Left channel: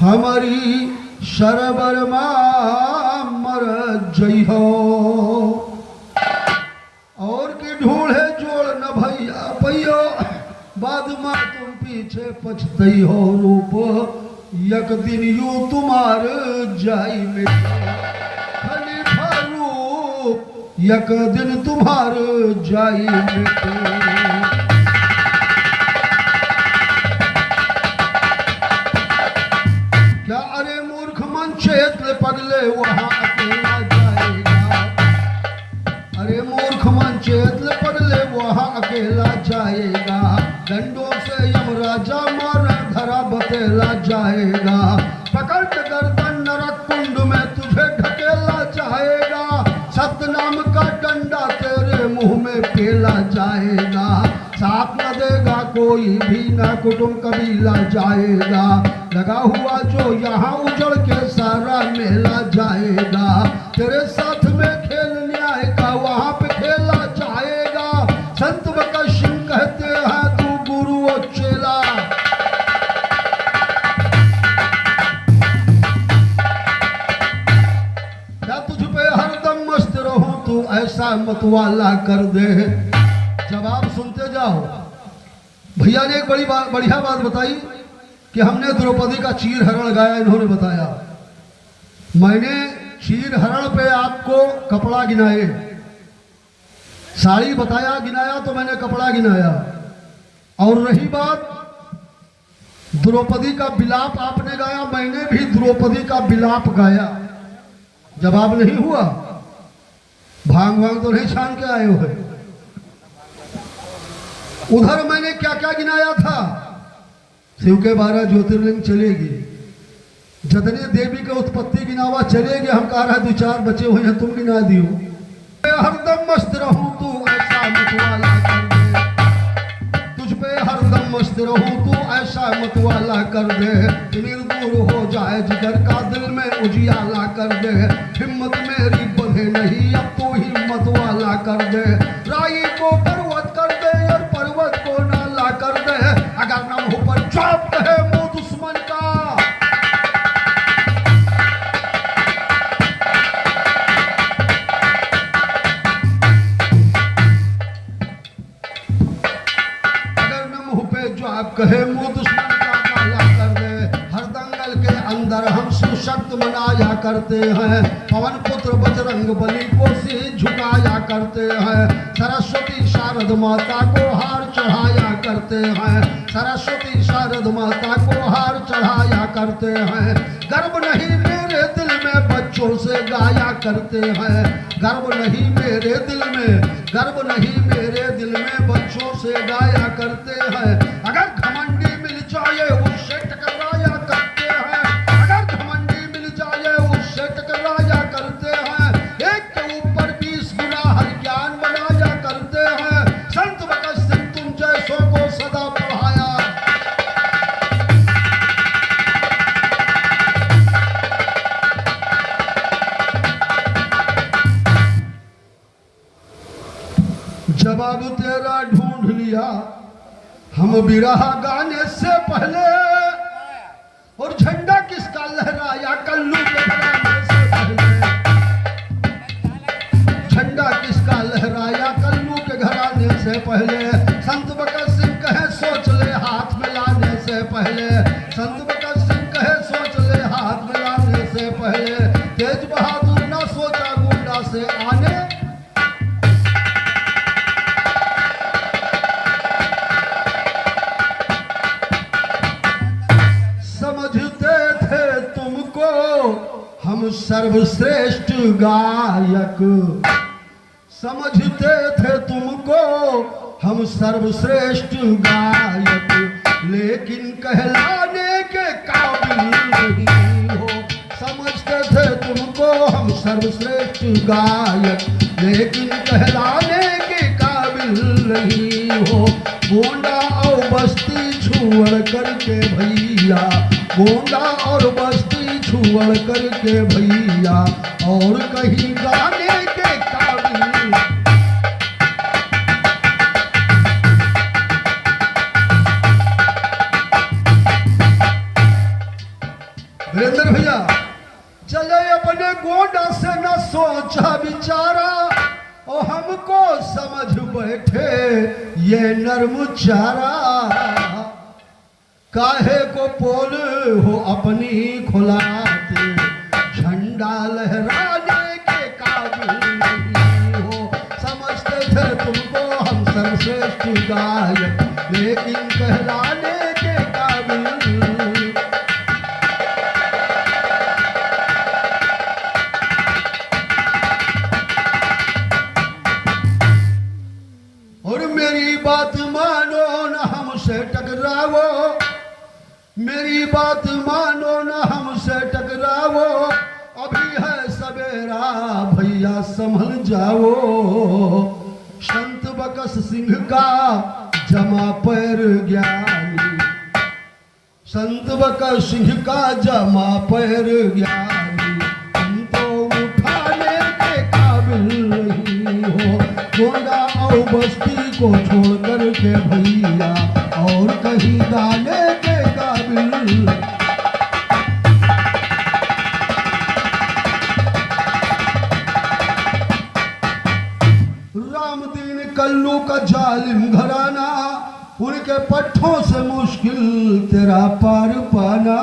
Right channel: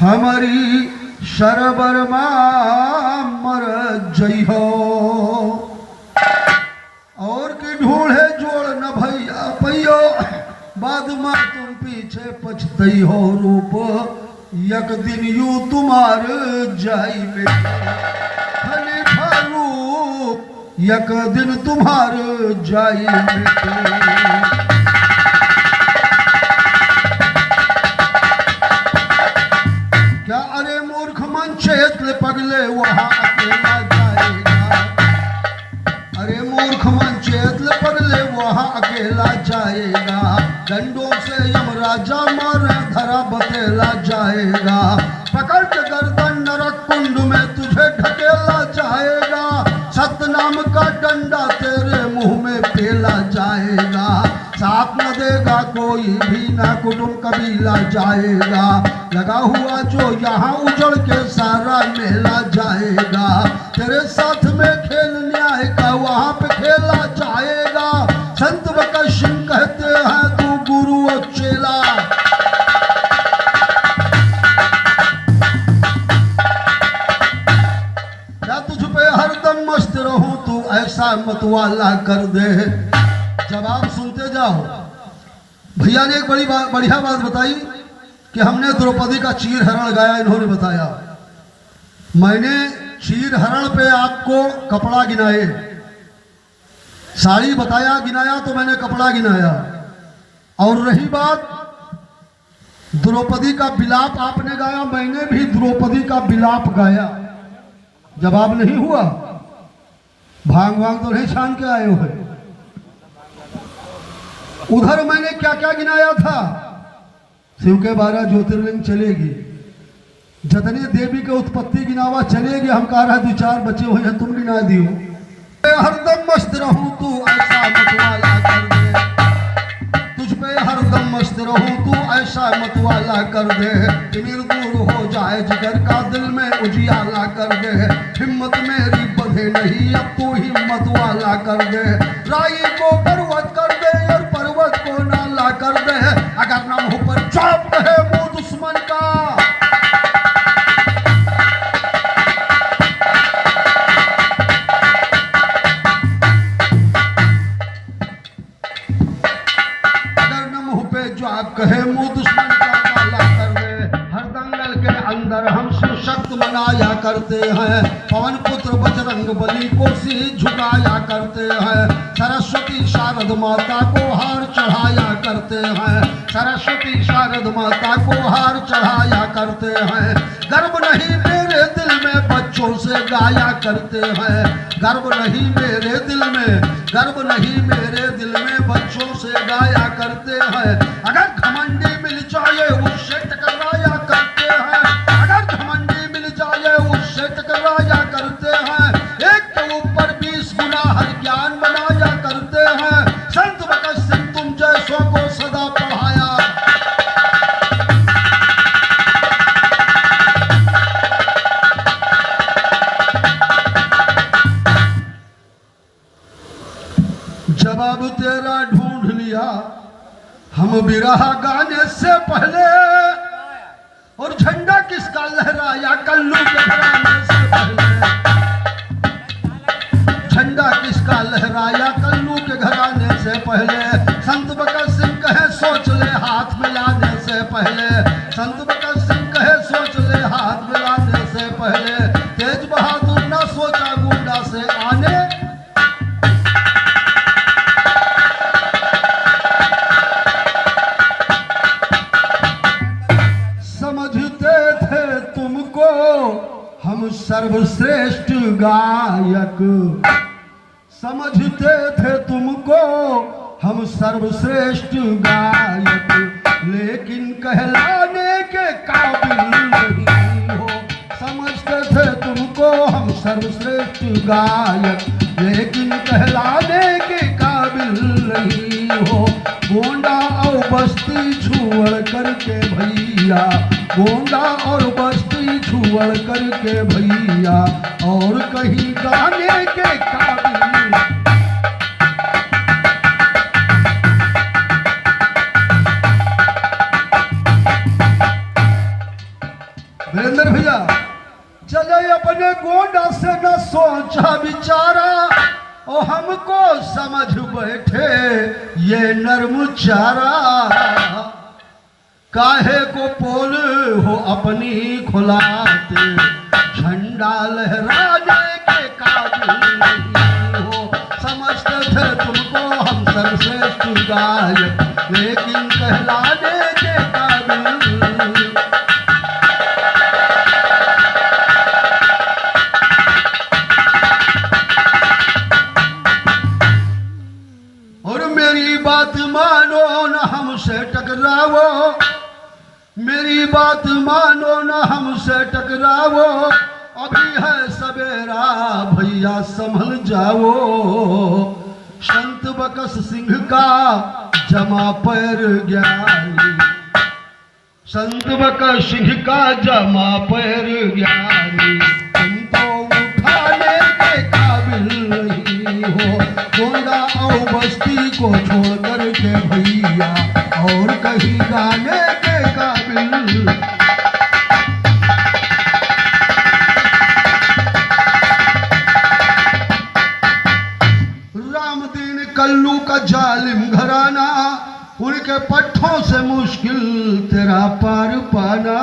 हमारी शरबर मर जई हो और की ढूढ़े जोड़ न भैया पैयो बाद में तुम पीछे पछतई हो रूप यक दिन यू तुम्हार जाई में खलीफा रूप यक दिन तुम्हार जाई में क्या अरे मूर्ख मन चेतले पगले वहां अकेला जाएगा अरे मूर्ख मन चेतले पगले वहां अकेला जाएगा डंडों से यमराजा मार धरा बतेला जाएगा पकड़ के गर्दन नरक कुंड में तुझे ढकेला जाएगा सतनाम का डंडा तेरे मुंह में पेला जाएगा साथ न देगा कोई भी न कुटुंब कबीला जाएगा लगा हुआ जो यहाँ उजड़ के सारा मेला जाएगा तेरे साथ में खेल न्याय का वहां पे खेला जाएगा संत बका सिंह कहते हैं तू गुरु और चेला क्या तुझ पे हरदम मस्त रहूं तू ऐसा मतवाला कर दे जवाब सुनते जाओ भैया ने एक बढ़िया बात बताई कि हमने द्रौपदी का चीर हरण गाया इन्होंने बताया मैंने चीर हरण पे आपको कपड़ा गिनाए साड़ी बताया गिनाया तो मैंने कपड़ा गिनाया और रही बात द्रौपदी का विलाप आपने गाया मैंने भी द्रौपदी का विलाप गाया जवाब नहीं हुआ भांग वांग तो नहीं छान के आए हुए उधर मैंने क्या क्या गिनाया था शिव के 12 ज्योतिर्लिंग चलेगी जतने देवी के उत्पत्ति गिनावा चलेगी हम कह रहे 2-4 बचे हुए हैं तुम गिना दियो हरदम मस्त रहूं तू ऐसा मतवाला कर दे तुझ पे हरदम मस्त रहूं तू ऐसा मतवाला कर दे तिमिर दूर हो जाए जिगर का दिल में उजियाला कर दे हिम्मत मेरी बंधे नहीं अब तू हिम्मत वाला कर दे राई को पर्वत कर दे और पर्वत को नाला कर दे अगर नाम हो पर चौप है मुंह दुश्मन का अगर न मुंह पे जवाब कहे मुंह दुश्मन का नाला कर दे हर दंगल के अंदर हम सुशक्त मनाया करते हैं पवन पुत्र बजरंग बली को सिर झुकाया करते हैं सरस्वती शारद माता को हार चढ़ाया करते हैं सरस्वती शारद माता को हार चढ़ाया करते हैं गर्व नहीं मेरे दिल में बच्चों से गाया करते हैं गर्व नहीं मेरे दिल में गर्व नहीं मेरे दिल में बच्चों से गाया करते हैं अगर घमंडी मिल जाए उससे टकराया करते हैं अगर घमंडी मिल जाए उससे टकराया करते हैं एक के ऊपर 20 गुना हर ज्ञान बनाया करते हैं संत भगत सिंह तुम जैसों को सदा पढ़ाया जवाब तेरा ढूंढ लिया हम बिरहा गाने से पहले और झंडा किसका लहराया कल्लू के घराने से पहले झंडा किसका लहराया कल्लू के घराने से पहले संत भगत सिंह कहे सोच ले हाथ मिलाने से पहले संत भगत सिंह कहे सोच ले हाथ मिलाने से पहले तेज बहादुर ना सोचा गुंडा से आने समझते थे तुमको हम सर्वश्रेष्ठ गायक समझते थे तुमको हम सर्वश्रेष्ठ गायक लेकिन कहलाने के काबिल नहीं हो समझते थे तुमको हम सर्वश्रेष्ठ गायक लेकिन कहलाने के काबिल नहीं हो गोंडा और बस्ती छुअड़ करके भैया गोंडा और बस्ती छुअड़ करके भैया और कहीं गाने के काबिल वीरेंद्र भैया चले अपने गोंडा से न सोचा विचारा और हमको समझ बैठे ये नर्म चारा काहे को पोल हो अपनी खुलाते झंडा लहराने के काबिल नहीं हो समझते थे तुमको हम सर्वश्रेष्ठ गायक लेकिन कहलाने के काबिल और मेरी बात मानो न हमसे टकरावो मेरी बात मानो न हमसे टकरावो अभी है सवेरा भैया संभल जाओ संत बकस सिंह का जमा पैर ज्ञानी संत बकस सिंह का जमा पैर ज्ञानी तुमको उठाने के काबिल नहीं हो गोंडा और बस्ती को छोड़ कर के भैया और कहीं गाने के काबिल रामदीन कल्लू का जालिम घराना उनके पट्टों से मुश्किल तेरा पार पाना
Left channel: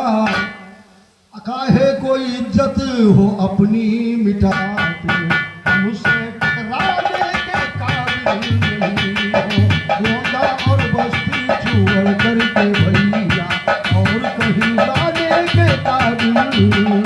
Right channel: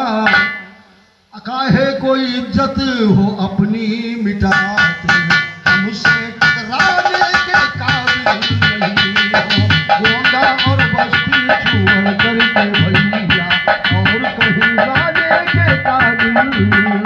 काहे कोई इज्जत हो अपनी मिटाते हमसे टकराने के काबिल नहीं हो गोंडा और बस्ती छोड़ करके भैया और कहीं जाने के काबिल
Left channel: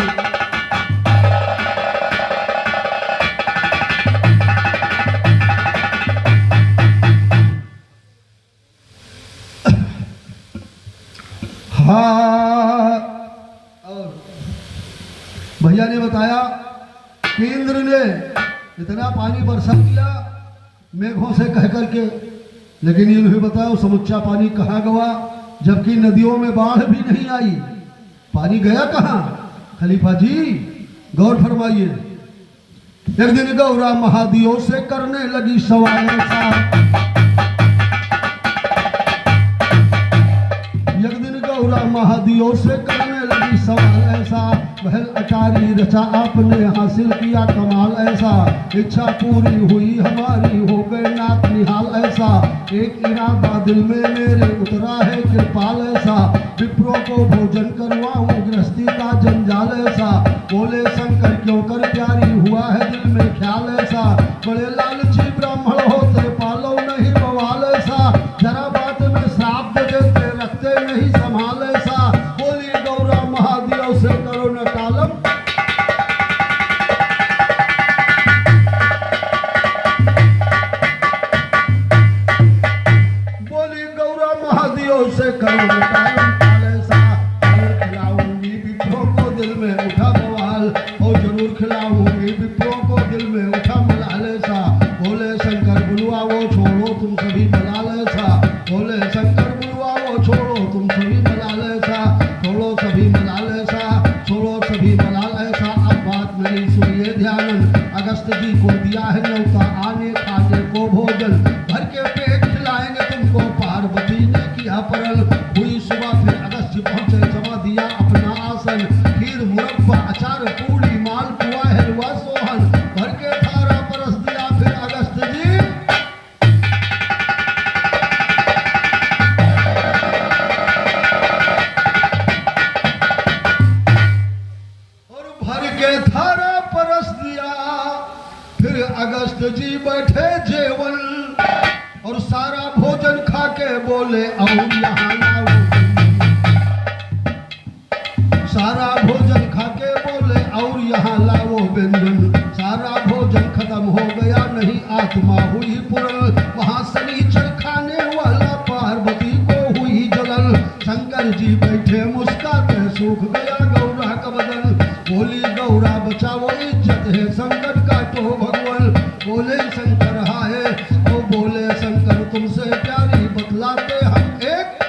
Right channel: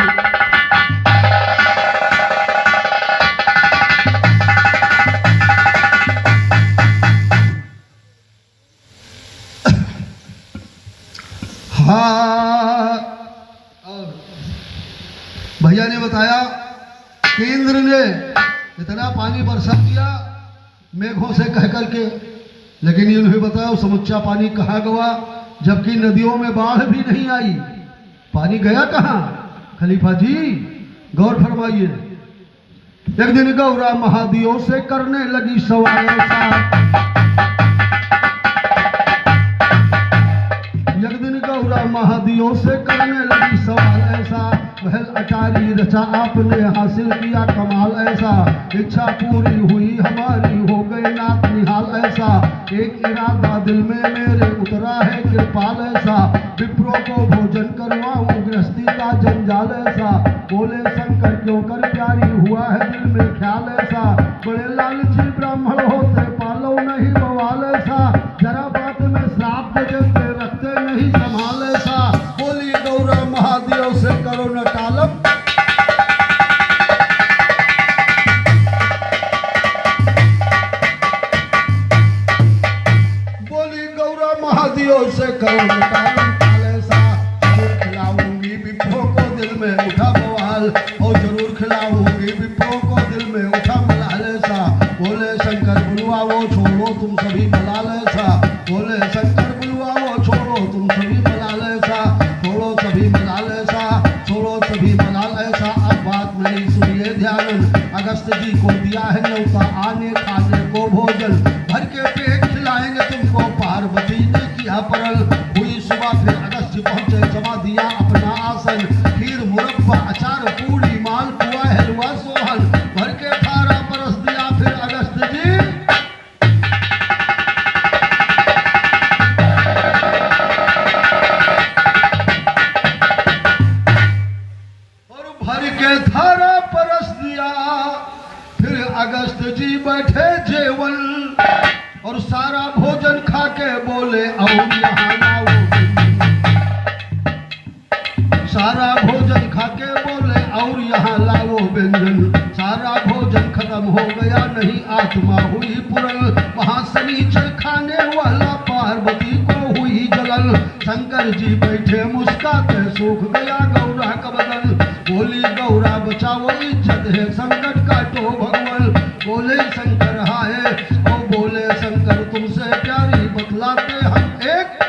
भैया ने बताया कि इंद्र ने इतना पानी बरसा दिया मेघों से कह करके लेकिन इन्हें बताया समुच्चा पानी कहाँ गवा जबकि नदियों में बाढ़ भी नहीं आई पानी गया कहाँ खलीफा जी गौर फरमाइए एक दिन गौरा महादियों से करने लगी सवाल एक दिन गौरा महादियों से करने लगी सवाल ऐसा महल अटारी रचा आपने हासिल किया कमाल ऐसा इच्छा पूरी हुई हमारी हो गए नाथ निहाल ऐसा एक इरादा दिल में मेरे उतरा है कृपाल ऐसा विप्रों को भोजन करवाऊं गृहस्थी का जंजाल ऐसा बोले शंकर क्यों कर प्यारी हुआ है दिल में ख्याल ऐसा बड़े लालची ब्राह्मण होते पालो नहीं बवाल ऐसा जरा बात में श्राप देते रखते नहीं संभाल ऐसा बोली गौरा महादेव से करो न टालम बोली गौरा महादेव से करो न टालम ऐसा जरूर खिलाऊंगी विप्रों को दिल में उठा बवाल और जरूर खिलाऊंगी विप्रों को दिल में उठा मलाल ऐसा बोले शंकर बुलवा वो छोड़ो तुम सभी मलाल ऐसा बोले शंकर बुलवा वो छोड़ो तुम सभी मलाल ऐसा छोड़ो सभी मलाल ऐसा छोड़ो सभी मलाल ऐसा अब बात मेरी सुनिए ध्यान अगस्त जी को दिया है न्योता आने खाने को भोजन भर के पेट खिलाएंगे तुमको पार्वती ने किया परल हुई सुबह फिर अगस्त जी पहुंचे जमा दिया अपना आसन खीर मुरब्बा अचार पूरी माल पुआ हलवा सोहल भर के थारा परस दिया फिर अगस्त जी और भर के थारा परस दिया फिर अगस्त जी बैठे जेवन और सारा भोजन खा के बोले और यहाँ लाओ सारा भोजन खा के बोले और यहाँ लाओ व्यंजन सारा भोजन खत्म हो गया नहीं आत्मा हुई पुरल वहां शनिचर खाने वाला पार्वती को हुई जलल शंकर जी बैठे मुस्काते सूख गया गौरा का बदन बोली गौरा बचाओ इज्जत है संकट काटो भगवान बोले शंकर हाय ओ बोले शंकर तुमसे प्यारी बतलाते हम एक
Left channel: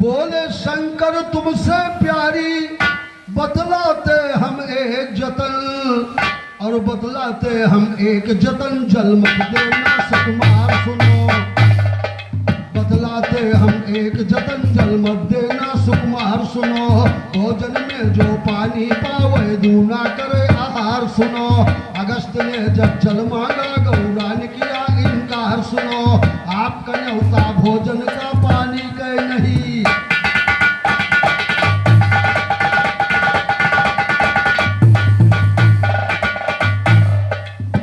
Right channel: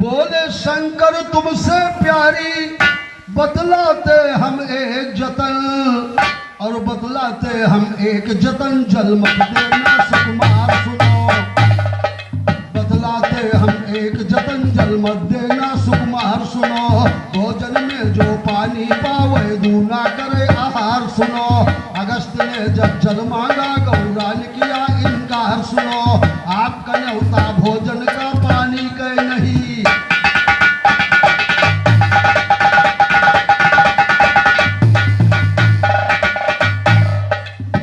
बोले शंकर तुमसे प्यारी बतलाते हम एक जतन और बतलाते हम एक जतन जल मत देना सुकुमार सुनो, बतलाते हम एक जतन जल मत देना सुकुमार सुनो, भोजन में जो पानी पावे दूना करे आहार सुनो, अगस्त ने जब जल मांगा गौरा ने किया इनकार सुनो, आपका न्योता भोजन का पानी का नहीं,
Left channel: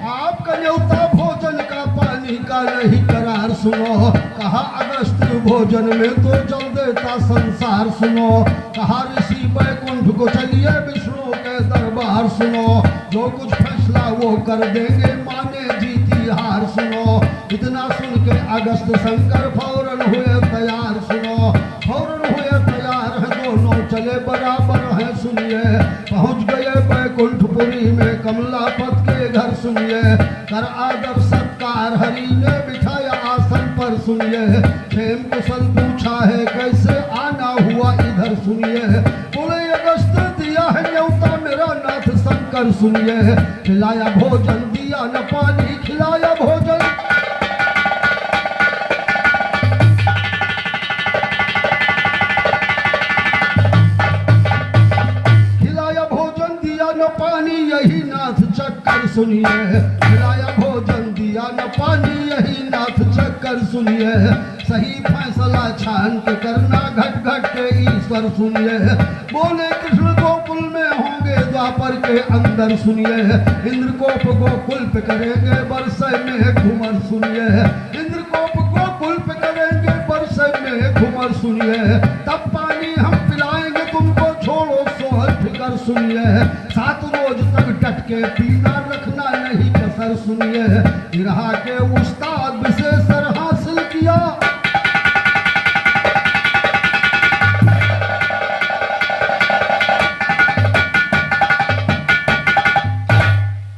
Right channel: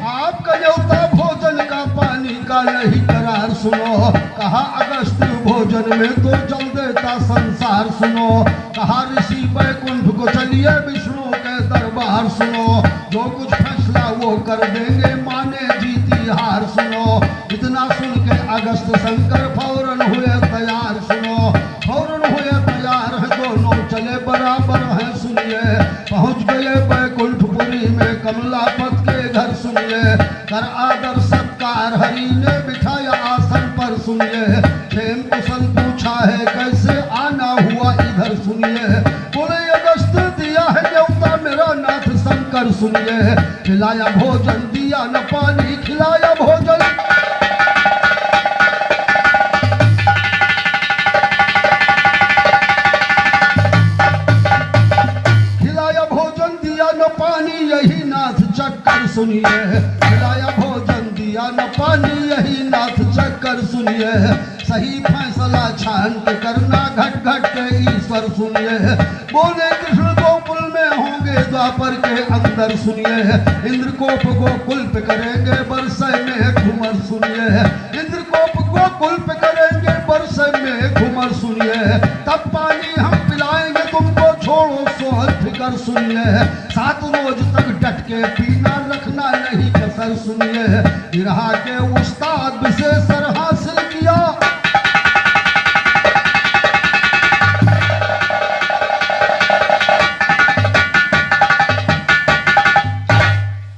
आपका न्योता भोजन का पानी का नहीं करार सुनो, कहा अगस्त भोजन में तो जल देता संसार सुनो, कहा ऋषि बैकुंठ को चलिए विष्णु के दरबार सुनो, जो कुछ फैसला वो कर देंगे माने जीती हार सुनो, इतना सुन के अगस्त शंकर फौरन हुए तैयार सुनो, फौरन हुए तैयार है दोनों चले बराबर है सुनिए, पहुंच गए बैकुंठपुरी में कमलापत के घर सुनिए, कर आदर सत्कार हरि ने बिठाया आसन पर सुनिए, क्षेम कुशल पूछा है कैसे आना हुआ इधर सुनिए, बोले अगस्त दिया है न्योता मेरा नाथ शंकर सुनिए, खिलाया भोजन दिया न पानी खिलाया भोजन, खिलाया भोजन दिया न पानी यही नाथ चक्कर सुनिए, खिलाया भोजन दिया न पानी यही नाथ चक्कर सुनिए, सही फैसला छान के करना घट घट के ईश्वर सुनिए, बोले कृष्ण गोकुल में होंगे द्वापर के अंदर सुनिए, इंद्रकोप गोकुल पे करेंगे बरसे में घुमर सुनिए, इंद्रकोप गोकुल पे करेंगे बरसे में घुमर सुनिए, तब पानी हम पिलाएंगे तुमको छोड़ो सोहर फिकर सुनिए, 7 रोज तक डट के पीना रखना नहीं कसर सुनिए, बिरहा के उस्ताद विशेष हासिल किया,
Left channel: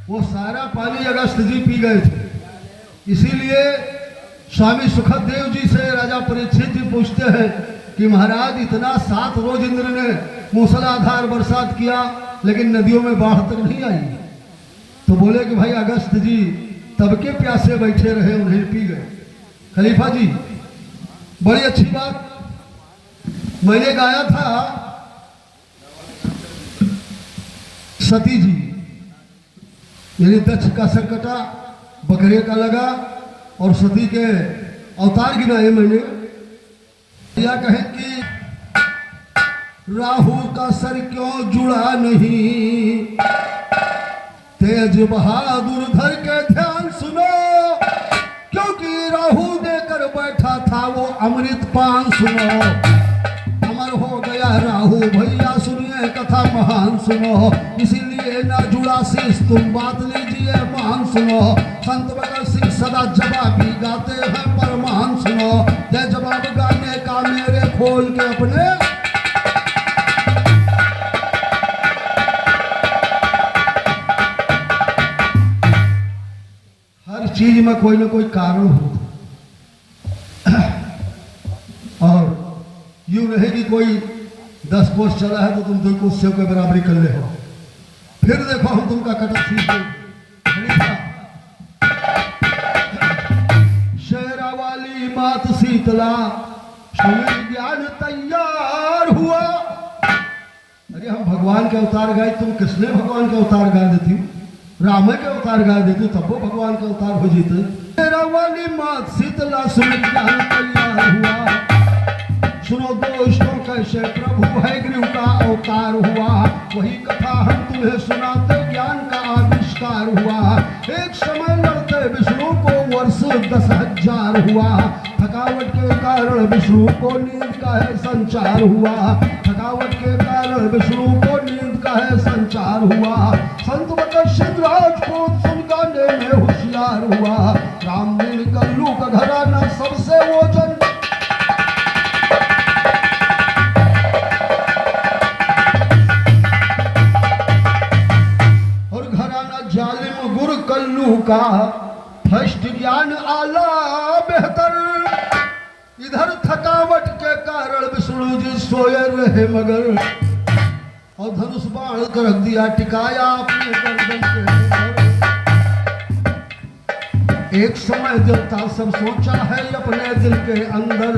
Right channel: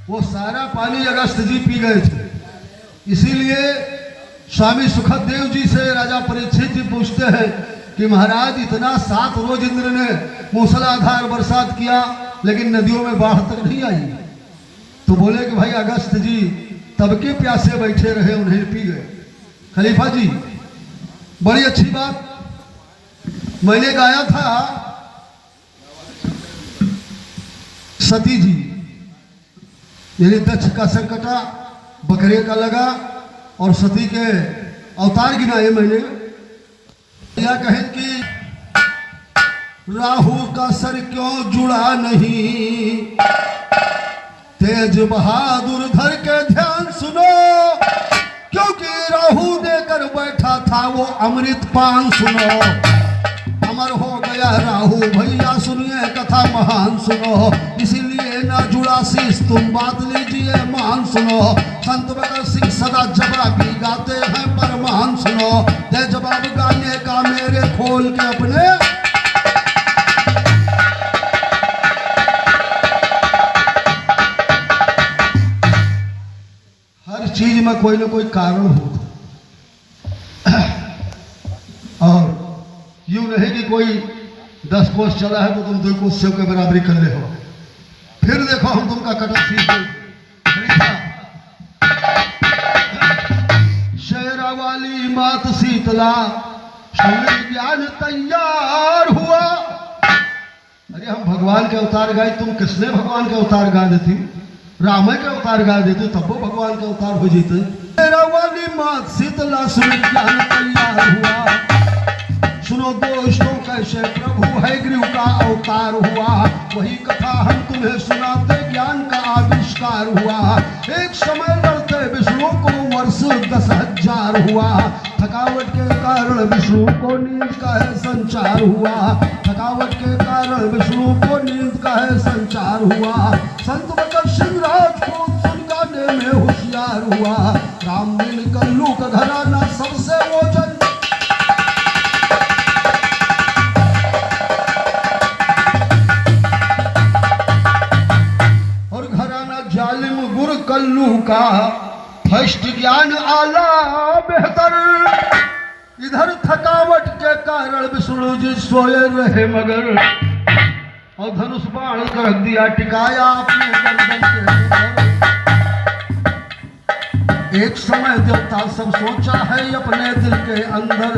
वो सारा पानी अगस्त जी पी गए थे, इसीलिए स्वामी सुखदेव जी से राजा परीक्षित जी पूछते हैं कि महाराज इतना 7 रोज इंद्र ने मूसलाधार बरसात किया लेकिन नदियों में बाढ़ तक नहीं आई, तो बोले कि भाई अगस्त जी तब के प्यासे बैठे रहे उन्हें पी गए। खलीफा जी बड़ी अच्छी बात मैंने गाया था, सती जी यानी दक्ष का सिर कटा बकरे का लगा और सती के अवतार गिनाए मैंने, या कहें कि राहु का सर क्यों जुड़ा नहीं, तेज बहादुर धर के ध्यान सुनो, क्योंकि राहु देकर बैठा था वो अमृत पान सुनो, अमर हो गया राहु भैया सुनिए कथा महान सुनो, इसीलिए ना जुड़ा शीश तुम बात लीजिए मान सुनो, संत बकर सिंह सदा जवाबी गाते हैं पर महान सुनो, ते जवाब गाने का मेरे खोल के अपने, हर चीज में कोई ना कोई कारण होता, और यूं नहीं कि कोई 10 कोस चला है तो तुम 2 कोस से के बराबरी कर ले हो, फिर देखो हम तुमका कटक सीख शेरा वाली मात शीतला सूर्य ज्ञान तैयार हुआ, अरे हम भगवान के अवतार गाए, तुम किसने भगवान के अवतार गा देती, राम के अवतार गा देती तब वो भगवान का अवतार हो जीते, शेरा वाली मात शीतला सूर्य ज्ञान तैयार हुआ, सुनो दोस्तों कैसे प्रभु हयग्रीव का अवतार हुआ, वही कथा हम तुम्हें सुनाते ज्ञान का आविष्कार हुआ, एक समय लड़ते विष्णु को वर्ष 10,000 हुआ, थकावट के कारण विष्णु को नींद का है संचार हुआ, थकावट के कारण विष्णु को नींद का है संचार हुआ, संत बकर सिंह राजपूत सुन गाने में होशियार हुआ, राम मिल गल्लू का घराना सबसे ओजन, का फर्स्ट ज्ञान आला बेहतर, इधर थकावट के कारण विष्णु जी सोए रहे मगर, और धनुष बाण कर रख दिया टिकाया अपने गर्दन के ऊपर। एक समय देवता सब सोचा है अपने दिल के अंदर,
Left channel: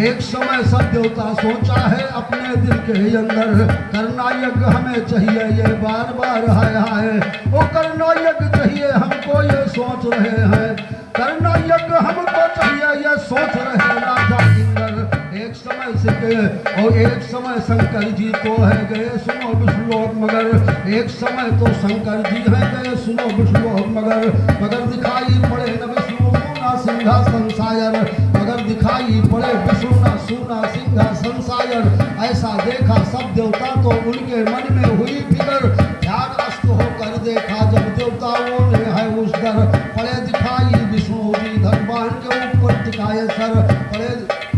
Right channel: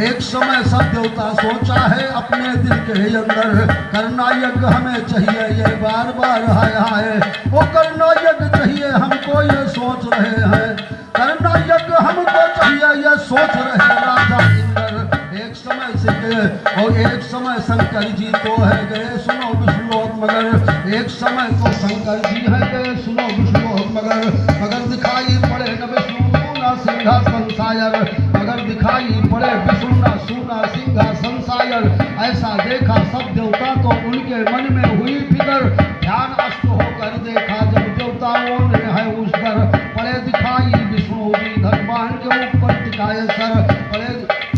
एक समय सब देवता सोचा है अपने दिल के अंदर, करना यज्ञ हमें चाहिए ये बार बार हाय हाय, वो करना यज्ञ चाहिए हमको ये सोच रहे हैं, करना यज्ञ हमको चाहिए ये सोच रहे राजा इंद्र। एक समय से गए और एक समय शंकर जी तो है गए सुनो विष्णुलोक मगर, एक समय तो शंकर जी है गए सुनो विष्णुलोक मगर दिखाई पड़े न विष्णु सोना सिंहासन सायर, मगर दिखाई पड़े विष्णु ना सोना सिंहासन सायर। ऐसा देखा सब देवता तो उनके मन में हुई फिकर, ध्यान अस्त होकर देखा जब देवताओं ने है उस दर, पड़े दिखाई विष्णु जी धनवान के ऊपर टिकाए सर, पड़े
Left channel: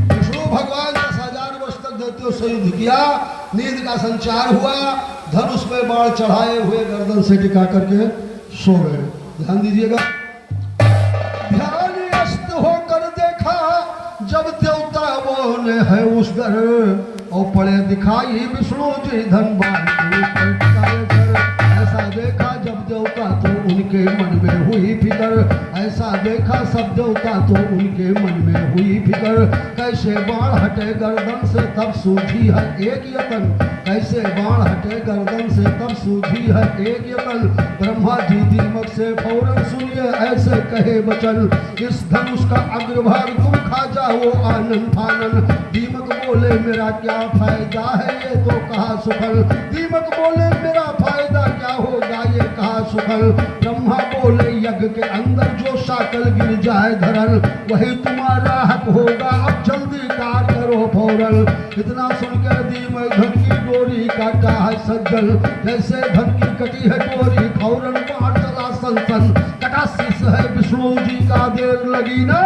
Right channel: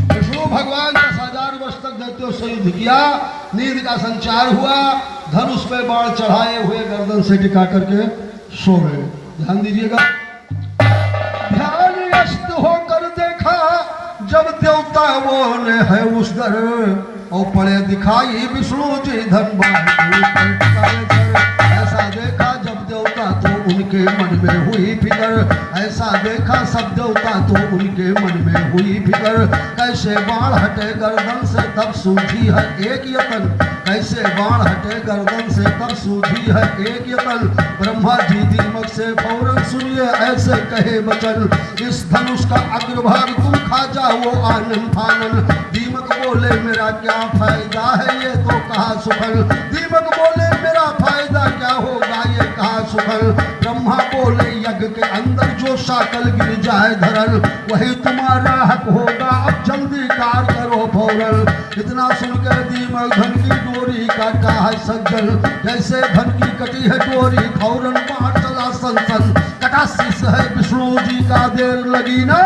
विष्णु भगवान 10,000 वर्ष तक दैत्यों से युद्ध किया, नींद का संचार हुआ, धनुष पे बाण चढ़ाए हुए गर्दन से टिका करके सो रहे। ध्यान दीजिएगा, ध्यान अस्त होकर देखा जब देवताओं ने है उस दर, और पड़े दिखाई विष्णु जी धनवान के ऊपर टिकाए सर। ऐसा देखा जब देवता तो उनके मन में हुई फिकर, ऐसा देखा सब देवता तो उनके मन में हुई फिकर, कैसे बाण हटे गर्दन से तब सूझी है एक यतन, कैसे बाण हटे गर्दन से तब सूझी है एक यतन। ब्रह्मा जी दीमक से फौरन सुनिए ऐसे कहे वचन, इस धनुष का अग्रभाग तुम खा जाओ आनन फानन। दीमक बोले मेरा क्या फायदा है ये तो कहा सुफल, दीमक बोले मेरा फायदा क्या होगा ये कहा सुफल। ब्रह्मा बोले यज्ञ के अंदर जो शाकल गिर जाए धरल, वही तुम्हारा हक होगा अब जल्दी कार करो फौरन। इतना सुनकर दीमक धन की डोरी काटा है सज्जन, जैसे धन की कटी है डोरी फौरन बाण चला सनसन, कटा शीश है विष्णु जी का देर लगी ना।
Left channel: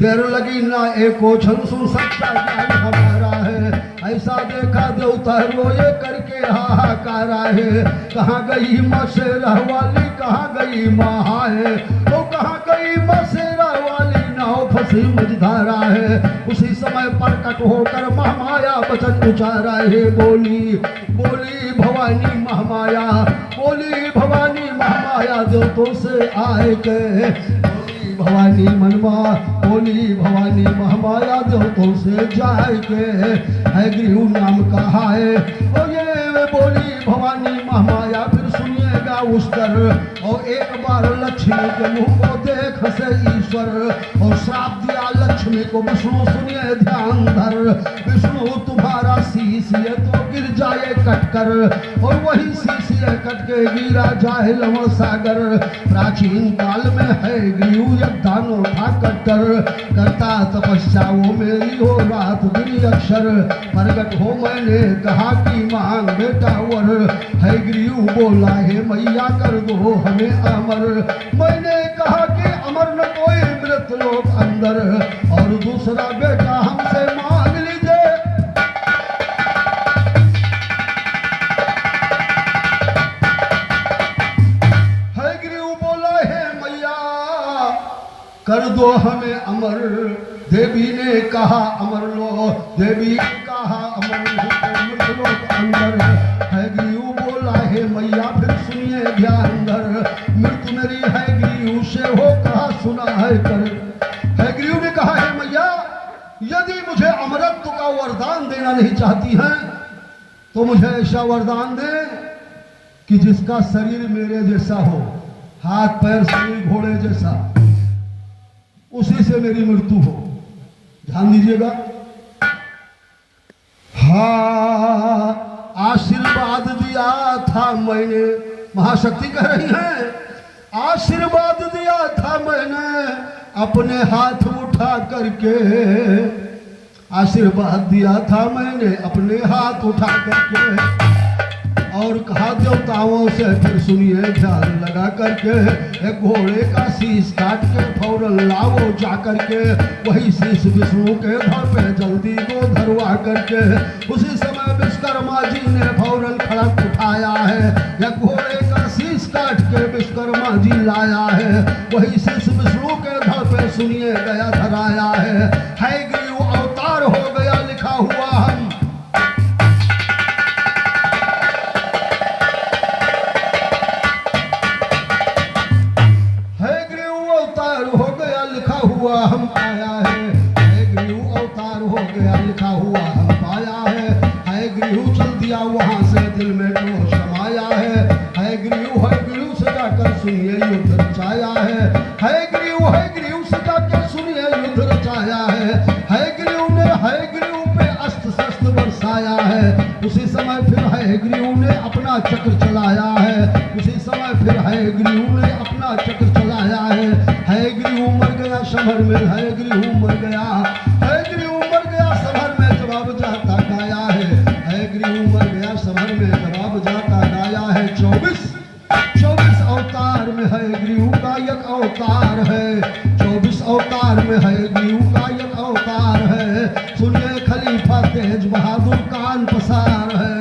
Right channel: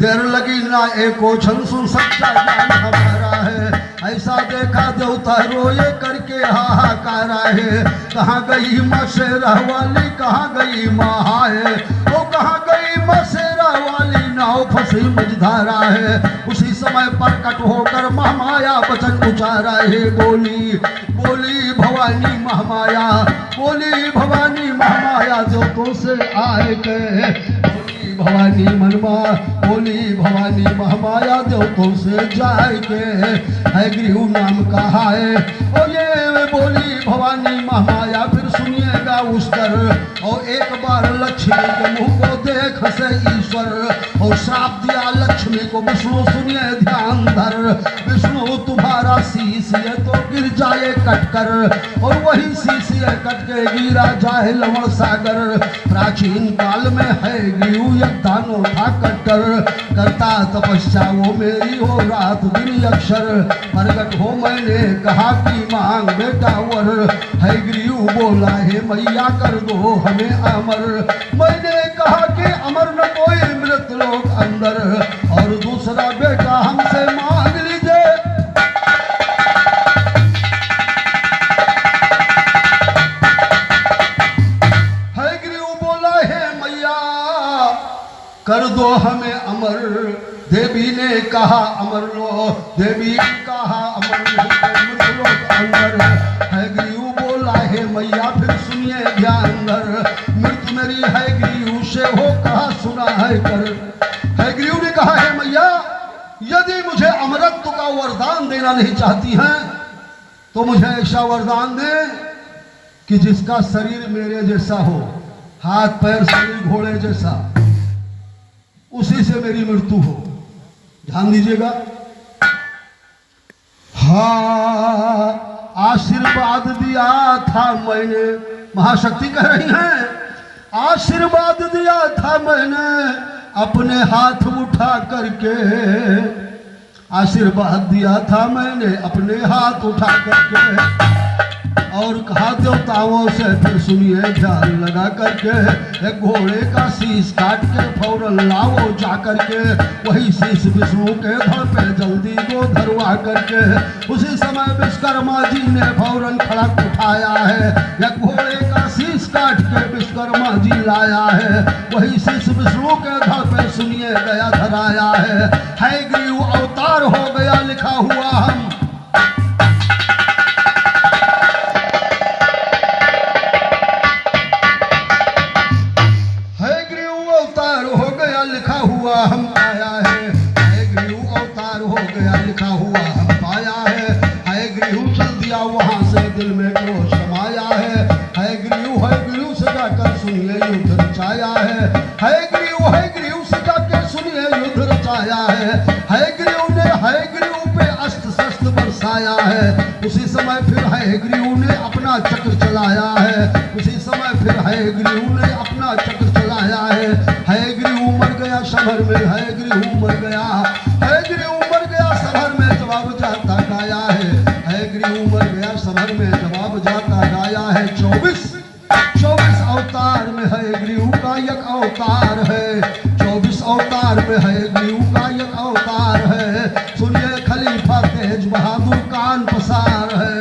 देर लगी ना एको क्षण सुन सच्चा ज्ञान हमारा है, ऐसा देखा देवता रोए करके हाहाकार है। कहाँ गई माँ शेरा वाली कहाँ गई माँ है, वो कहाँ गई माँ शेरा वाली नाव फंसी मझधारा है। उसी समय प्रकट होकर महामाया वचन उचारा है, बोली बोली भवानी महामाया, बोली भवानी महामाया देवतों से आए के, भवानी मनवा बोली भवानी महामाया देवतों से जाए के, है गृह नाम कहा है और ये बोली भवानी महामाया। फिर सुनिएगा उस दर, और एक बार लक्ष्मी के मुंह को देख से ईश्वर, और श्राप दिया लक्ष्मी को विष्णु सुनिए ध्यान धर, विष्णु तुम्हारा शीश ये तो गिर जाए कटकर, और वही शीश ये कट के गिरा जाए लवण सागर। प्राचीन काल में है गृह दानो था कट्टर, करता तपस्या वो मेरी हो रात दिन अक्षर, प्रगट हो मैंने कहा कि मांग बेटा वर, है गृह बोला है मैया कर दो हमें अमर। मैंने कहा कि अमर न कोई मृत लोग अंदर, और दूसरा बेटा हमसे मांग लीजिए। है गृह बोला है मैया कर दो हमें अमर। देवी ने कहा अमर लो, देवी ने कहा अमर लो अंदर, है गृह बोला है मैया फिर सुनिए ध्यान धर, मृत्यु मेरी है गृह से हो कहा सुना है कर। है गृह ने कहा है मैया यदि मुझे अमरत्व का वरदान देना नहीं चाहती हैं तो मुझे ऐसा वरदान दे कि जिसका शरीर मेरे जैसा हो, हाथ पैर शरीर घोड़े जैसा, उसी से मेरी मृत्यु हो। ध्यान दीजिएगा, हाँ आशीर्वाद दिया था मैंने, महाशक्ति कह रही हैं आशीर्वाद दिया था मैंने अपने हाथ उठा करके, आशीर्वाद दिया था मैंने अपने हाथ उठा करके, और कहा देवताओं से फिर सुनिए ध्यान लगा करके, एक घोड़े का शीश काट के फौरन लाओ जा करके, वही शीश विष्णु के धड़ पे जल्दी दो धरवा करके। उसी समय विश्वकर्मा जी ने फौरन खड़क उठाया है, एक घोड़े का शीश काट के विश्वकर्मा जी लाया है, वही शीश विष्णु के धड़ पे सुनिए गया धराया है ग्रीव अवतार हो गया लिखा हुआ हम। है ग्रीव अवतार हो गया लिखा हुआ हम आया है ग्रीव अवतार हो गया लिखा हुआ हम आया है ग्रीव चल दिया वहां से दिल में तो समाया है ग्रीव से जाकर सुनिए युद्ध रचाया है ग्रीव से जाकर सुनिए युद्ध रचाया है ग्रीव पे अस्त्र शस्त्र बरसाया है। उसी समय फिर है ग्रीव ने अपना चक्र चलाया है उसी समय फिर है ग्रीव ने अपना चक्र चलाया है ग्रीव मर गया शहर में है ग्रीव मर गया शहर में जवाब जाता गाया है ग्रीव मर गया शहर में जवाब जाता गाया है। 24 अवतार में है ग्रीव का एक अवतार है 24 अवतार में है ग्रीव का एक अवतार है। सुनिए खलीफा तेज बहादुर कान पसार है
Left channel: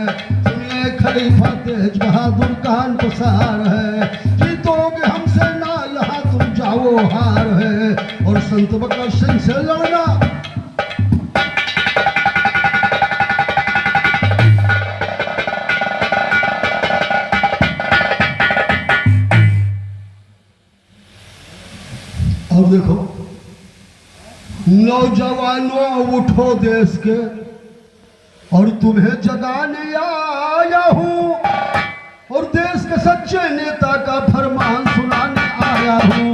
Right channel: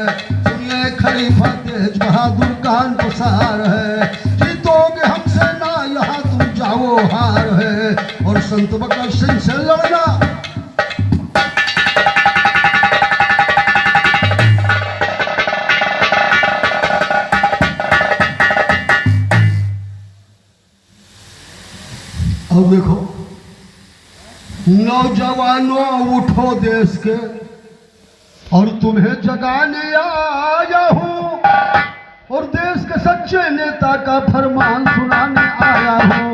सुनिए खलीफा तेज बहादुर कान पसार है। जीतोगे हमसे ना यहाँ तुम जाओ हार है और संत बकर सिंह से लड़ना अब देखो नौजवानों उठो देश के और तुम्हें जगाने आया हूं और देश के सच्चे नेता का फरमान सुनाने आया हूं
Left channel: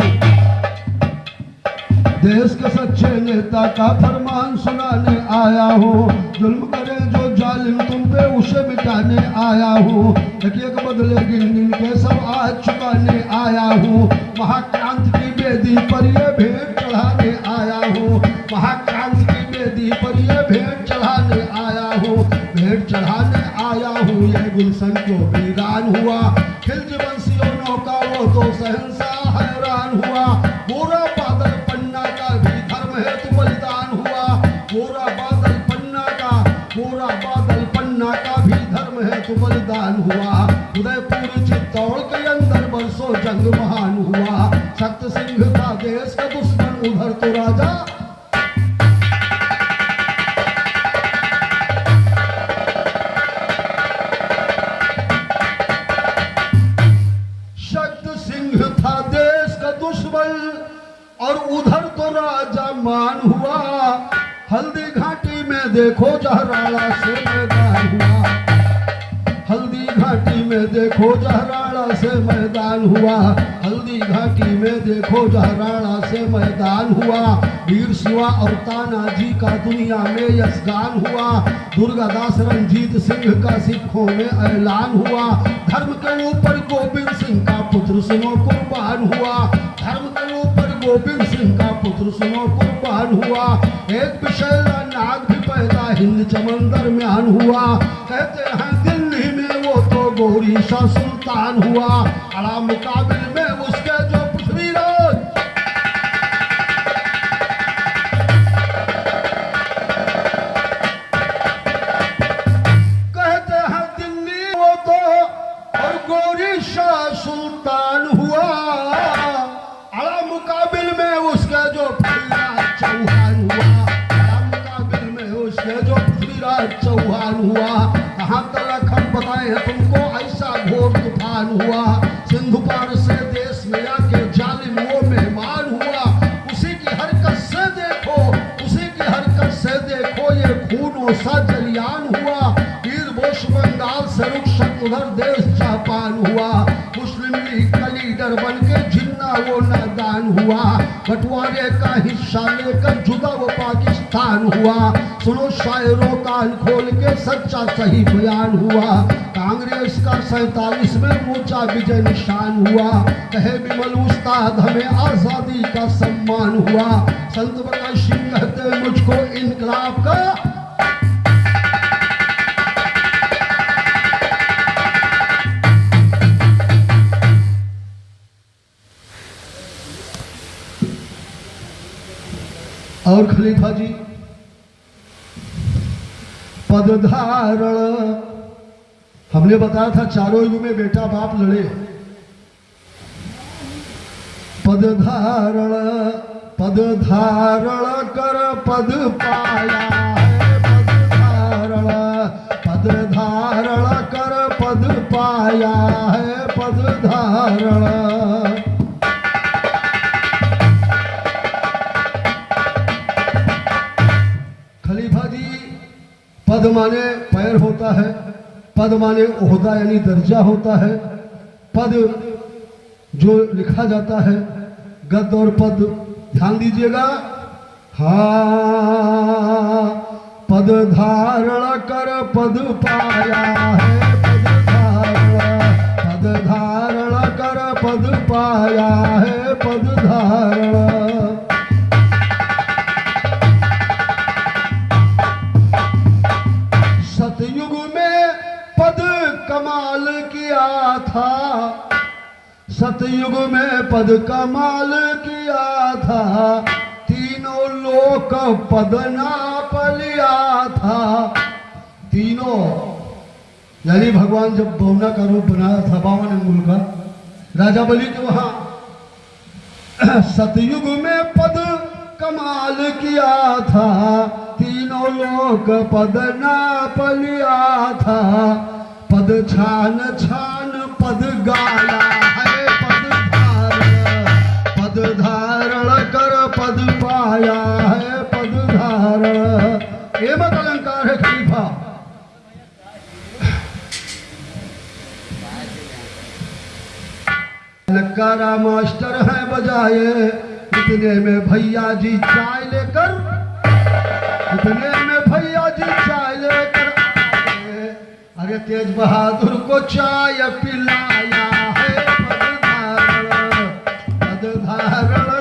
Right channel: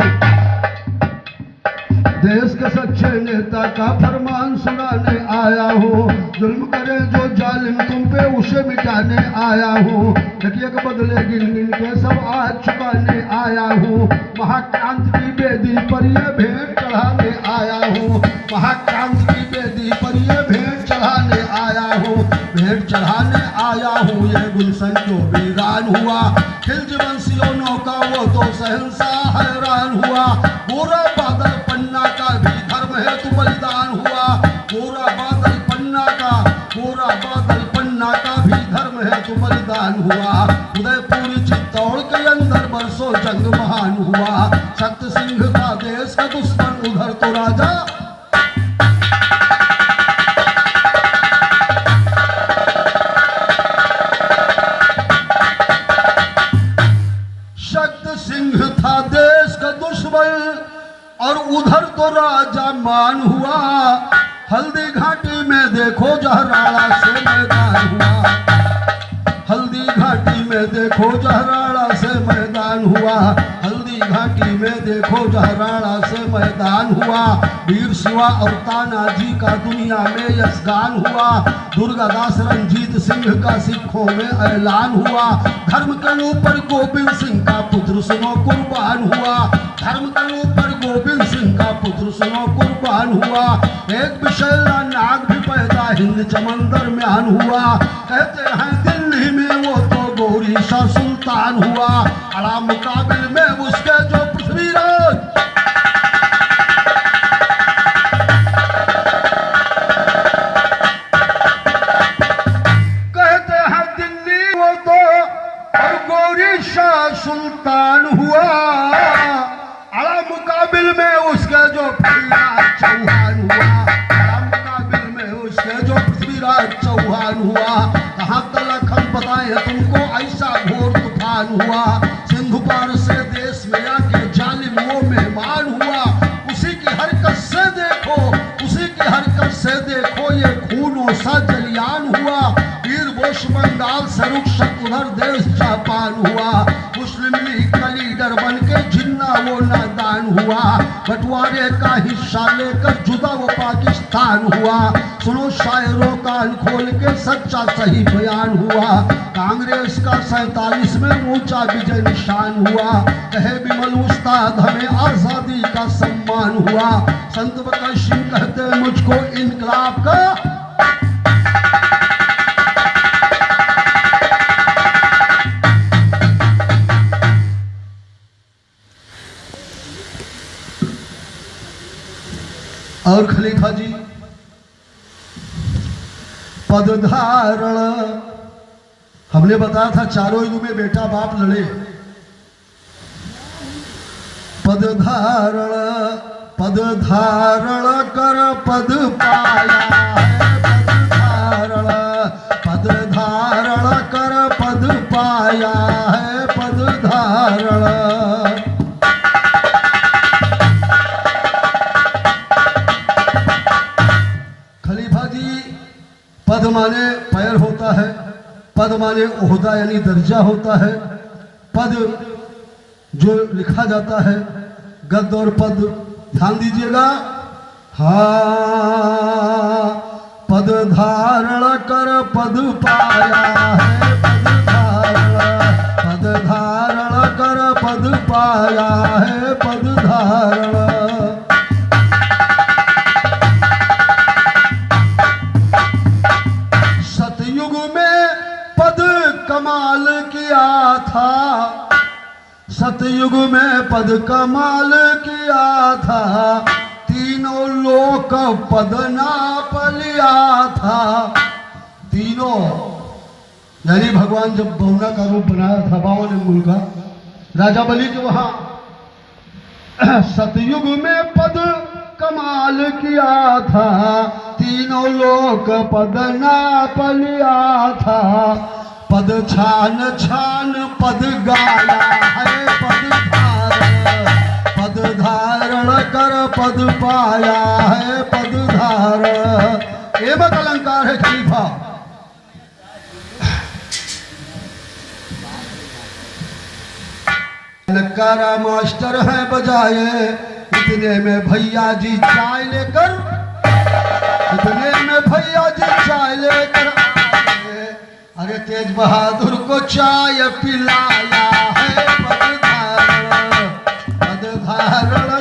देश के सच्चे नेता का फरमान सुनाने आया हूं। जुल्म करे जो जालिम तुम पे उसे मिटाने आया हूं एक बदले गिन गिन के सब आज चुकाने आया हूं। महाक्रांति की बेदी पर ये भेंट चढ़ाने आया हूं महाक्रांति की बेदी पर ये भेंट चढ़ाने आया हूं भेंट चढ़ाने आया हूं। ये गुलशन जो वीरान हुआ खिलजी वंशियों नौका वो तो शहंशाह हैरान हुआ। गोरा बादल पन्ना का भी धर्म हेतु बलिदान हुआ गोरा बादल पन्ना का भी धर्म हेतु बलिदान हुआ। उदयपुर चित्तौड़ के अंदर बरसों जंग महान हुआ। शक्ति सिंह था देश का दुश्मन उधर तो राजा शक्ति सिंह था देश का दुश्मन और उधर तो राजा मान हुआ। हल्दी घाटी में देखो जहराड़ा से मैदान हुआ हल्दी घाटी में देखो जहराड़ा से मैदान हुआ हल्दी घाटी में देखो जहराड़ा से मैदान हुआ। वीर शिवा और तानाजी का दुनिया में यशगान हुआ। दुर्गादास रंजीत सिंह का सिखों में ऐलान हुआ। धर्म के ऊपर गोविंद सिंह का पुत्र सुनो कुर्बान हुआ धर्म के ऊपर गोविंद सिंह का पुत्र सुनो कुर्बान हुआ। एक विशैला नाग भी पैदा हिंद चमंदर म्यान हुआ। कहते हैं दिल्ली में वो तो गौरी शाह सुल्तान हुआ। अड़ा मुकाबिल में उसके जो पृथ्वीराज कहते हैं दिल्ली वो तो और गौरी शाह सुल्तान हुआ। अड़ा मुकाबिल में उसका जो पृथ्वीराज चौहान हुआ अड़ा मुकाबिल में उसके जो पृथ्वीराज चौहान हुआ। कहाँ तक हम बताएं तुमको ऐसा घोर तूफान हुआ। सिंधु पार से देश में आके जालिम वो मेहमान हुआ। उसी की हरकत से देखो ये खूनों सा जलियान हुआ। वीर बोस बंगाल से रुखसत उधर देश जापान हुआ। मुस्लिम लीग का लीडर बन के जिन्ना वो नादान हुआ। बंटवारे का हिस्सा लेकर जुदा वो पाकिस्तान हुआ। सुनो शायरों कान खोल के सच्चा सही बयान हुआ। कांग्रेस का 47 में ऊंचा विजय निशान हुआ। कहे विमल उस्ताद हमें आजादी का सम्मान हुआ। संत बकर सिंह कहते मुझको इनकलाब का और खलीफा जी पद धारण हमने बताया था चारों युग में बेटा बाप लड़े। पद धारण पद धारण कर पद पाया है, पद धारण कर पद पाया है, पद धारण। खलीफा जी, पद माने पैर होता है, पद माने ओहदा यानी दर्जा होता है। पद जो लिखा जाता है, गद और पद ध्यान दीजिएगा। हाँ, पद धारण कर पद पाया है, पद धारण कर पद पाया है, पद धारण। सतयुग में पद कमाल किया था, सतयुग में पद कमाल किया था, तीनों लोक पद नाप लिया था। तीनों यानी भगवान जब बहुना का रूप बनाया था 52 अंगुल का, राजा बलि के वहां सतयुग में पद कमाल किया था, तीनों लोक पद नाप लिया था। पद छान छान पद गाया है, पद धारण कर पद पाया है, पद धारण। एवं अलंकार है खलीफा। नकारा मास्टर है बजाए, इतने में भैया जी चाय लेकर, इतने में भैया जी चाय लेकर आए। अरे तेज बहादुर को चाय पिलाया है, पद धारण